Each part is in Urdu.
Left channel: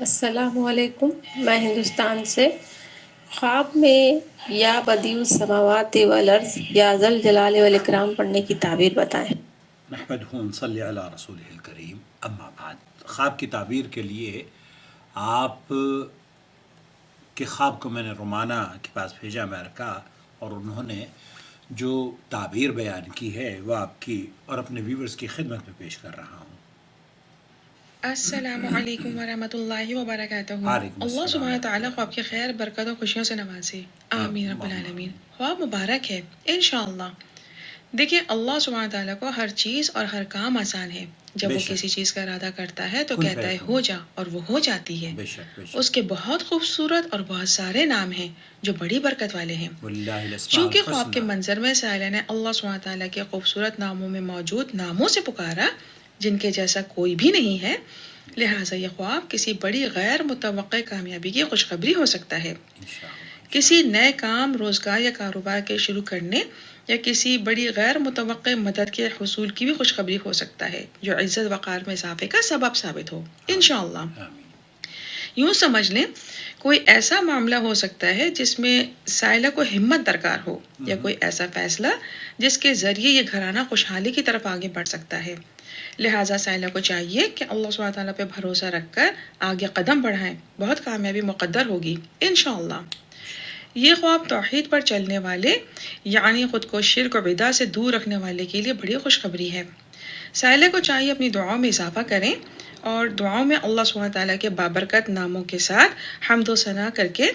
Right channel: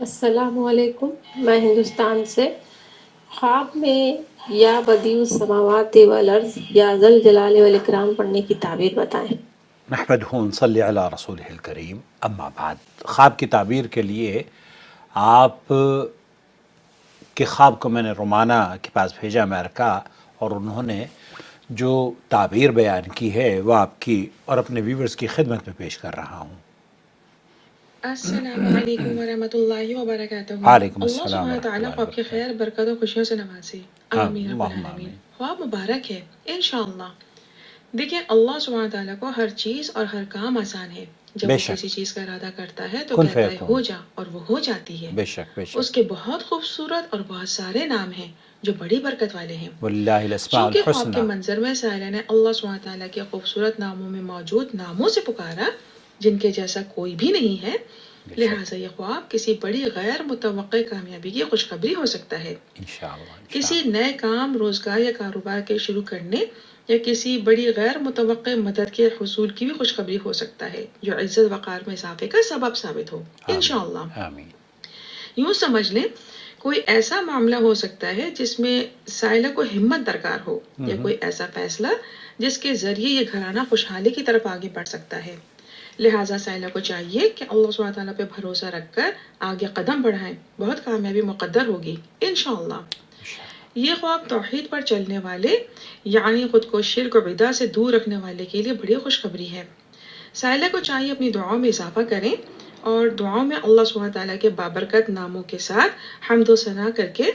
السلام علیکم، میں ہندوستان سے خواب میں یا بدیع السماوات والارض یا ذا الجلال والاکرام پڑھنے کی تعبیر بتائیں۔ نحمدہ ونصلی علی رسولہ الکریم، اما بعد۔ خواب کی تعبیر کے لیے آپ کے خواب کو میں نے رومانہ کے پاس بھیجا امریکہ، اور انہوں نے جو تعبیر بیان کی ہے وہ آپ کی اور اپنے ویورز کی خدمت میں پیش کر رہا ہوں۔ السلام علیکم ورحمۃ اللہ وبرکاتہ۔ وعلیکم اللہ السلام سبحانہ ورحمۃ تعالیٰ اللہ خواب کی خیر، وبرکاتہ۔ برکت و خوشیوں سے نوازے، آمین رب اللہم العالمین۔ آمین۔ خواب مبارک ہے انشاءاللہ۔ دیکھیں، اللہ سبحانہ تعالیٰ کو ہر چیز اور ہر کام آسان ہے۔ جب بے وہ شک، کسی چیز کا ارادہ کرتا ہے تو کن کہتا ہے فیکون، ہو جا، اور وہ ہو جاتی ہے۔ بے شک بے اس شک۔ کے بہت خوبصورت اور بہت سارے نام ہیں جو بڑی برکت والے ہیں۔ واللہ الاسماء چونکہ خواب کے الحسنی۔ منظر میں سائلہ نے اللہ سبحانہ تعالیٰ کے خوبصورت ناموں میں موجود ناموں سے پکارا جن کے جیسا کوئی بھی نہیں ہے، لہٰذا یہ خواب کسی بڑی غیر متوقع کامیابی کی خوشخبری ہو سکتا ہے۔ انشاءاللہ کسی نئے کام، روزگار یا کاروبار کے شروع کرنے یا کسی بڑی غیر متوقع مدد کے حصول کی بھی خوشخبری ہو سکتا ہے جو عزت وقار میں اضافے کا سبب ثابت ہو انشاءاللہ۔ آمین۔ یوں سمجھ لیں، کوئی ایسا معاملہ ہو سکتا ہے جس میں سائلہ کو ہمت درکار ہو، یا کوئی ایسا فیصلہ جس کے ذریعے یہ گھرانہ خوشحالی کی طرف آگے بڑھ سکتا ہے۔ لہٰذا سائلہ کو چاہیے کہ اللہ سبحانہ تعالیٰ پہ بھروسہ رکھ کر آگے قدم بڑھائیں، بہت کامیابی مقدر ہوگی انشاءاللہ۔ یہ خواب توحید پر چلنے والے، یعنی خود کو شرک و بدعت سے دور رکھنے والے کے لیے بڑی خوشخبری ہے۔ سائلہ کو چاہیے اپنی دعاؤں میں اضافہ کریں اور دعاؤں میں اللہ سبحانہ تعالیٰ کے بابرکت ناموں کے ساتھ حمد و ثنا کر کے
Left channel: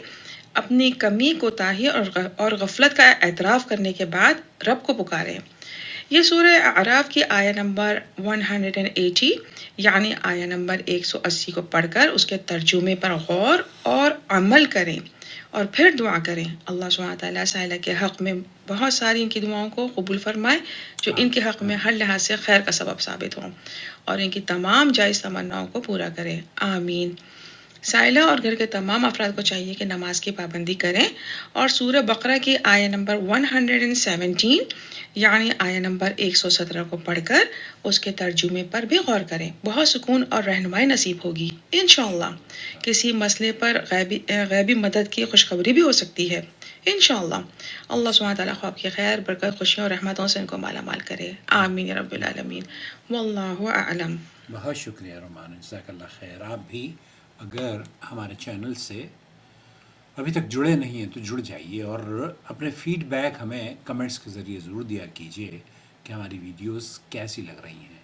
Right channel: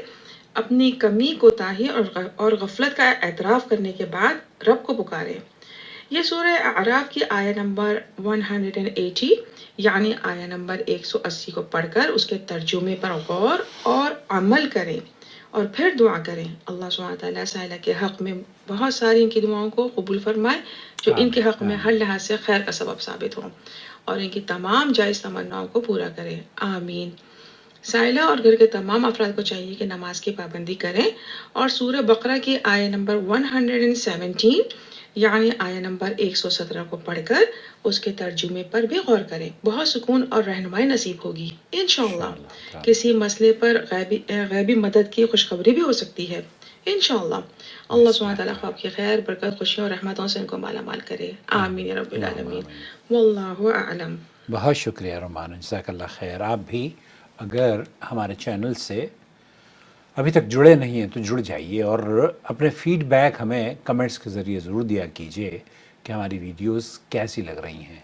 اپنی کمی، کوتاہی اور غفلت کا اعتراف کرنے کے بعد رب کو پکاریں۔ یہ سورہ اعراف کی آیہ نمبر 180 یعنی آیہ نمبر 180 کو پڑھ کر اس کے ترجمے پر غور اور عمل کریں اور پھر دعا کریں۔ اللہ سبحانہ تعالیٰ سائلہ کے حق میں بہت ساری ان کی دعاؤں کو قبول فرمائے جو ان کے حق میں ہر لحاظ سے خیر کا سبب ثابت ہوں، اور ان کی تمام جائز تمناؤں کو پورا کرے، آمین۔ سائلہ اور گھر کے تمام افراد کو چاہیے کہ نماز کی پابندی کریں اور سورہ بقرہ کی آیہ نمبر 117 یعنی آیہ نمبر 117 کو پڑھ کر اس کے ترجمے پر بھی غور کریں، بہت سکون اور رہنمائی نصیب ہوگی انشاءاللہ۔ کسی مسئلے پر غیبی مدد کی خوشخبری بھی ہو سکتی ہے انشاءاللہ۔ اللہ سبحانہ تعالیٰ خواب کی خیر، برکت، خوشیوں اور رحمتوں سے ان کو مالا مال کرے، آمین یا رب العالمین، واللہ اعلم۔ بہت شکریہ رومان، جزاک اللہ خیر۔ آپ بھی اگر ہمارے چینل سے ابھی تک جڑے نہیں ہیں تو جڑ جائیے، اور اپنے فیڈ بیک ہمیں کمنٹس کے ذریعے ضرور دیا کیجیے کہ ہماری ویڈیوز کیسی لگ رہی ہیں۔